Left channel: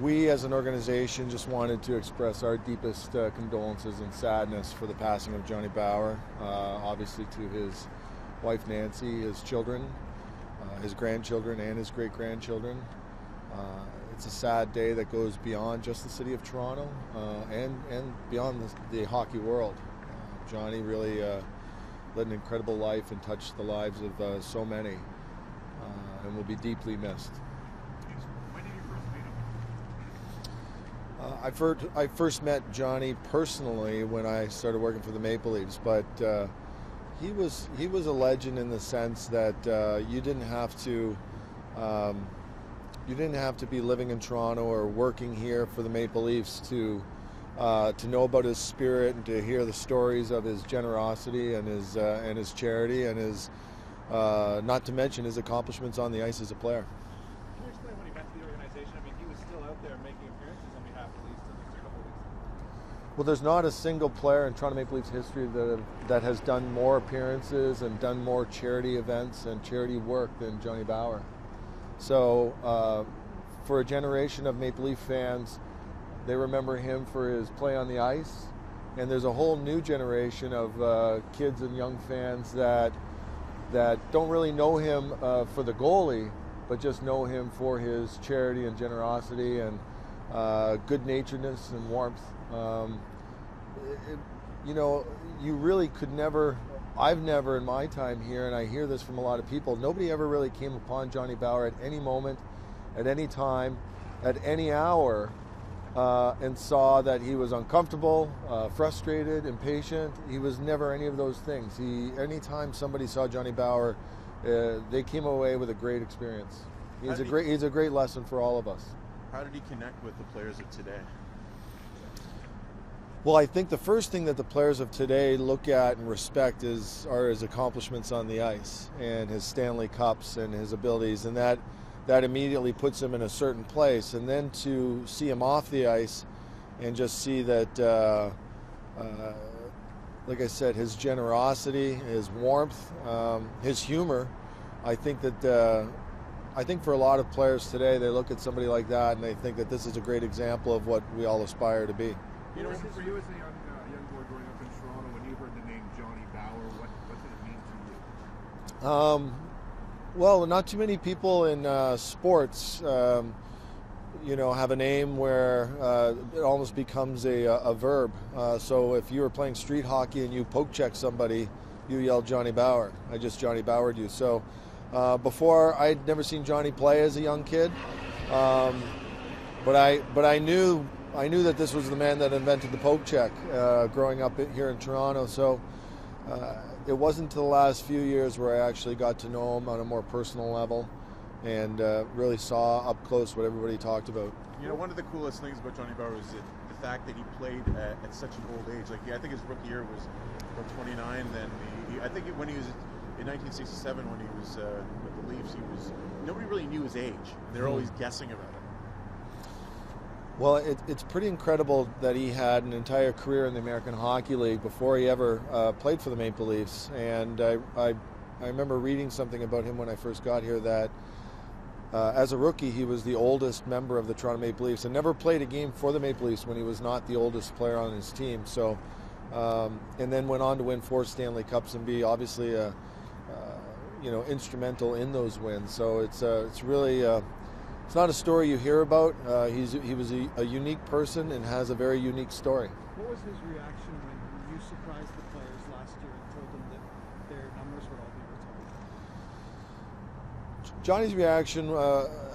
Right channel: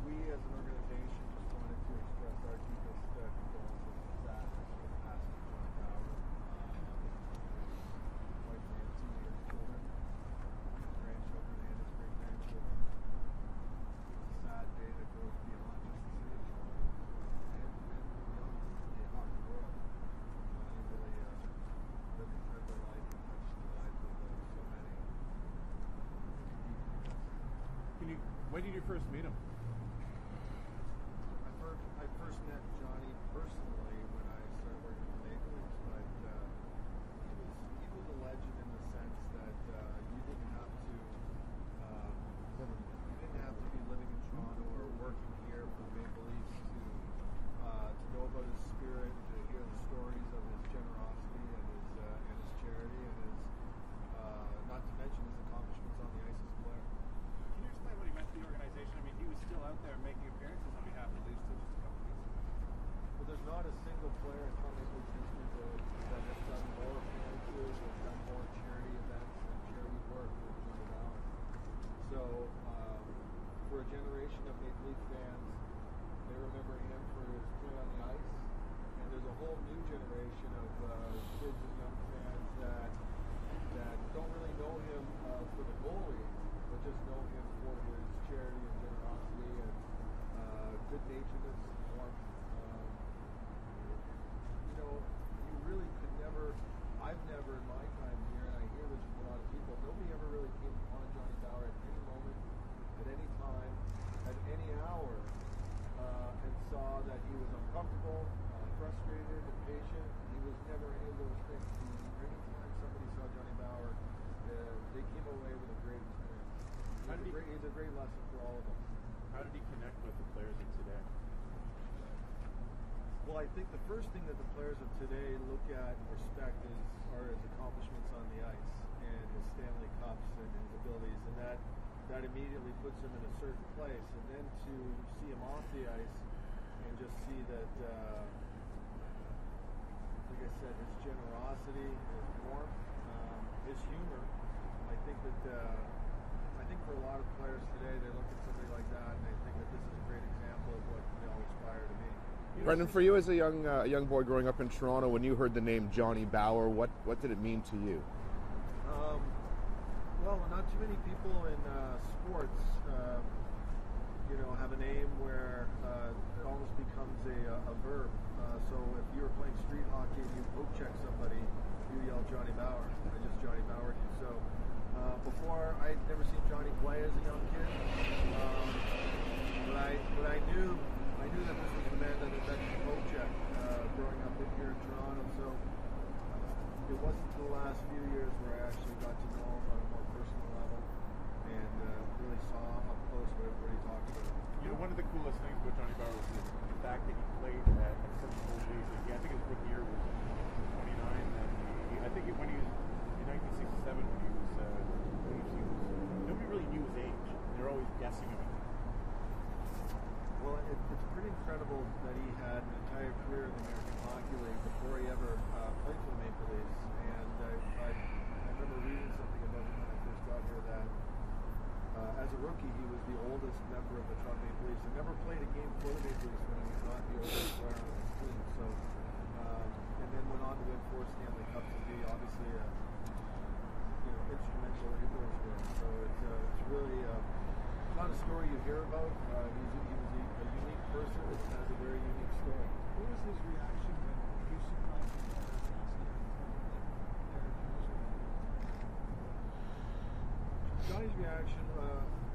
We as an organization just wanted to express our deepest condolences and sadness for the passing of Johnny Bower, obviously to his wife Nancy, his children, his grandchildren and his great-grandchildren. It's a sad day that goes beyond just the city of Toronto and beyond the hockey world. Johnny really led an incredible life and touched the lives of so many and will be deeply missed. When did you first meet him? I first met Johnny personally when I started working for the Maple Leafs, but he was a legend in the sense that you didn't have to be living in Toronto or working here for the Maple Leafs to know about his spirit and to hear the stories of his generosity and his charity and his not to mention his accomplishments on the ice as a player. Can you explain when he got to the organization? I mean, he was still out there making appearances on behalf of the Leafs till a couple weeks ago. Well, there's not a single player in Toronto Maple Leafs history that has done more appearances and done more charity events and charity work than Johnny Bower. So for a generation of Maple Leaf fans, they remember him for his play on the ice, and there's a whole new generation of kids and young fans that don't really know him for the goalie, but just know him for his charity and generosity and good-naturedness and warmth. You really could never, I've never in my time here, and I hear this from a lot of people, nobody ever really came upon Johnny Bower at any moment, at any time, at any hour, and saw that he was uncomfortable, frustrated, impatient. He was never any of those things. Anytime somebody saw Johnny Bower, they came away with a great experience. He's a great lesson for all of us. How did he connect with the players of today? Well, I think the first thing that the players of today look at and respect are his accomplishments on the ice and his Stanley Cups and his abilities, and that immediately puts him in a certain place. And then to see him off the ice and just see that, like I said, his generosity, his warmth, his humor, I think for a lot of players today, they look at somebody like that and they think that this is a great example of what we all aspire to be. Brendan, for you as a young boy growing up in Toronto, when you heard the name Johnny Bower, what did it mean to you? Well, not too many people in sports, have a name where it almost becomes a verb. So if you were playing street hockey and you poke check somebody, you yell Johnny Bower. I just Johnny Bowered you. So before, I'd never seen Johnny play as a young kid, but I knew that this was the man that invented the poke check growing up here in Toronto. So it wasn't until the last few years where I actually got to know him on a more personal level and really saw up close what everybody talked about. You know, one of the coolest things about Johnny Bower was the fact that he played at such an old age. Like, I think his rookie year was about 29. Then I think when he was in 1967, when he was with the Leafs, nobody really knew his age. They were always guessing about it. Well, it's pretty incredible that he had an entire career in the American Hockey League before he ever played for the Maple Leafs. And I remember reading something about him when I first got here that as a rookie, he was the oldest member of the Toronto Maple Leafs and never played a game for the Maple Leafs when he was not the oldest player on his team. So, and then went on to win 4 Stanley Cups and be obviously instrumental in those wins. So it's really. It's not a story you hear about. He was a unique person and has a very unique story. What was his reaction when you surprised the players last year and told them that their numbers were all there? Johnny's reaction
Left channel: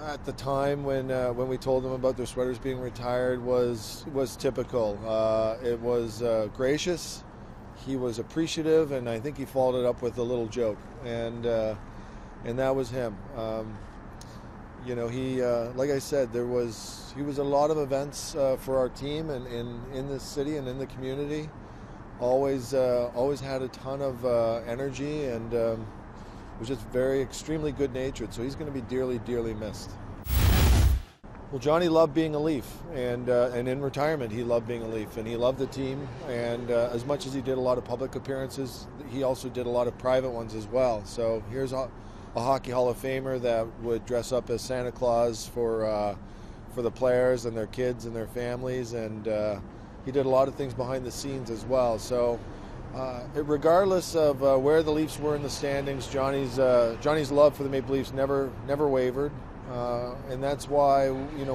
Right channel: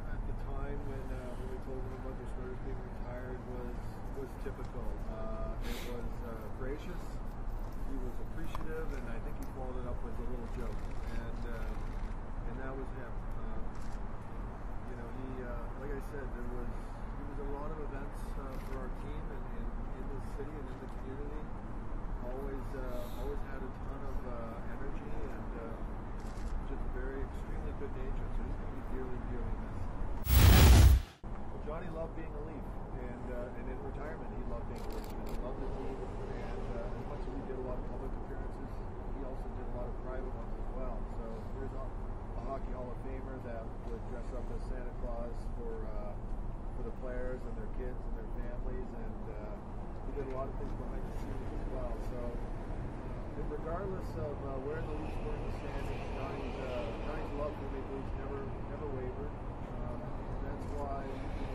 at the time when we told them about their sweaters being retired was typical. It was gracious. He was appreciative, and I think he followed it up with a little joke, and that was him. He, like I said, he was a lot of events for our team and in this city and in the community. Always had a ton of energy and was just extremely good-natured. So he's going to be dearly, dearly missed. Well, Johnny loved being a Leaf, and in retirement he loved being a Leaf, and he loved the team. And as much as he did a lot of public appearances, he also did a lot of private ones as well. So here's a Hockey Hall of Famer that would dress up as Santa Claus for for the players and their kids and their families, and he did a lot of things behind the scenes as well. So regardless of where the Leafs were in the standings, Johnny's love for the Maple Leafs never wavered, and that's why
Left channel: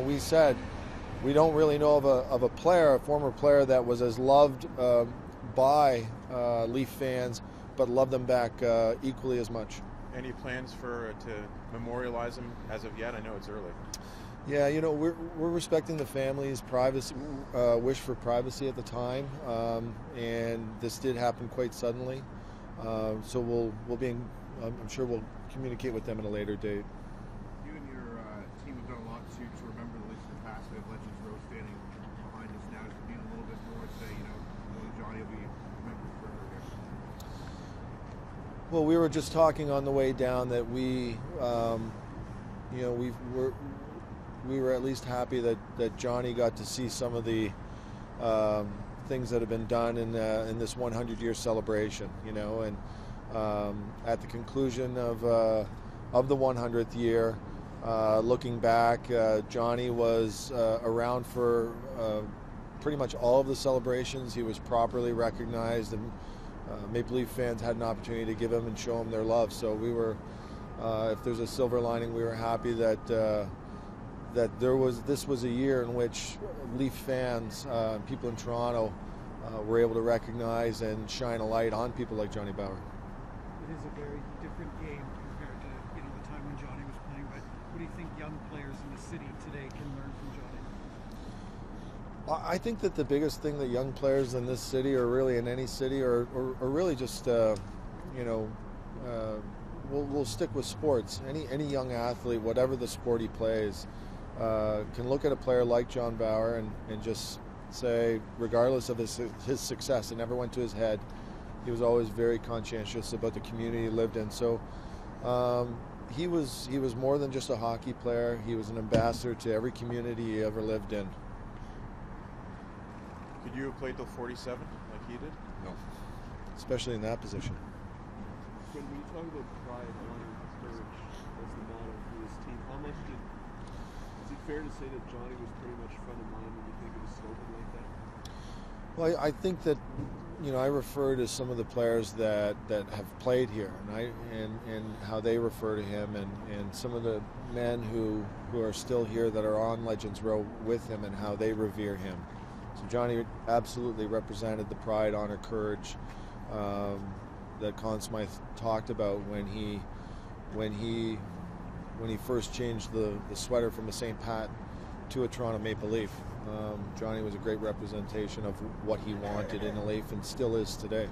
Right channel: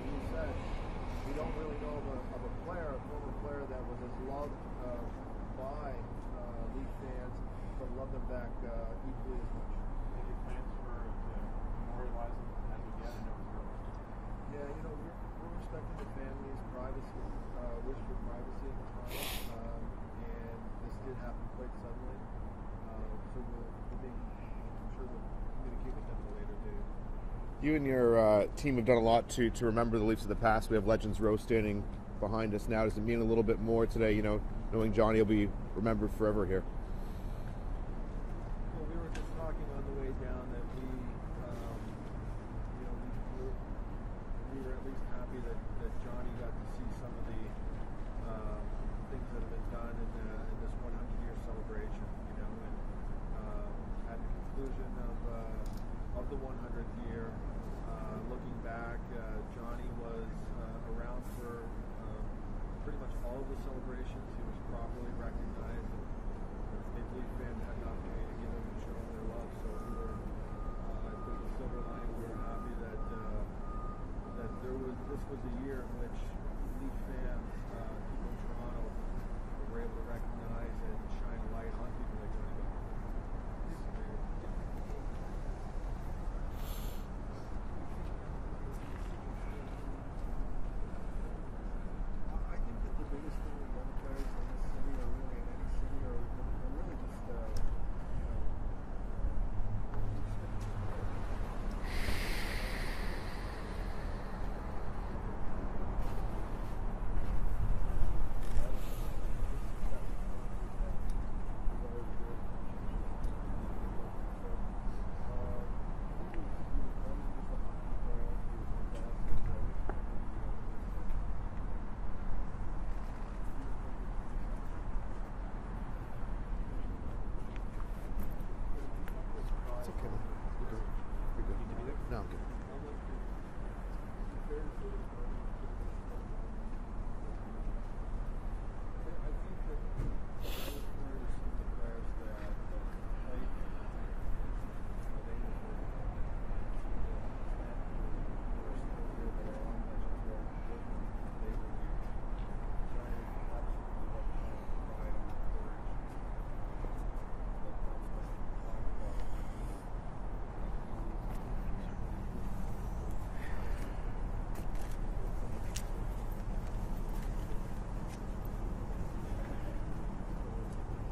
we said we don't really know of a former player that was as loved by Leaf fans, but loved them back equally as much. Any plans to memorialize him as of yet? I know it's early. Yeah, we're respecting the family's privacy, wish for privacy at the time, and this did happen quite suddenly. So I'm sure we'll communicate with them at a later date. You and your team have done a lot to remember the Leafs of the past. We have Legends Row standing behind us now. Does it mean a little bit more today, knowing Johnny will be remembered forever here? Well, we were just talking on the way down that we were at least happy that Johnny got to see some of the things that have been done in this 100-year celebration, and at the conclusion of the 100th year, looking back, Johnny was around for pretty much all of the celebrations. He was properly recognized, and Maple Leaf fans had an opportunity to give him and show him their love. So we were, if there's a silver lining, we were happy that this was a year in which Leaf fans, people in Toronto, were able to recognize and shine a light on people like Johnny Bower. It is a very different game compared to the time when Johnny was playing. But what do you think young players in the city today can learn from Johnny? I think that the biggest thing that young players in this city, or really in any city, or really just we'll stick with sports. Any young athlete, whatever the sport he plays, can look at a player like John Bower and just say, regardless of his success, it never went to his head. He was always very conscientious about the community he lived in. So he was more than just a hockey player. He was an ambassador to every community he ever lived in. Could you have played till 47 like he did? No, especially in that position. When you talk about pride, Johnny was very no. Team. How much is it fair to say that Johnny was pretty much front of mind when you think of a slogan like that? Well, I think that I refer to some of the players that have played here, and how they refer to him, and some of the men who are still here that are on Legends Row with him, and how they revere him. So Johnny absolutely represented the pride, honor, courage that Conn Smythe talked about when he first changed the sweater from the St. Pat to a Toronto Maple Leaf. Johnny was a great representation of what he wanted in a Leaf, and still is today.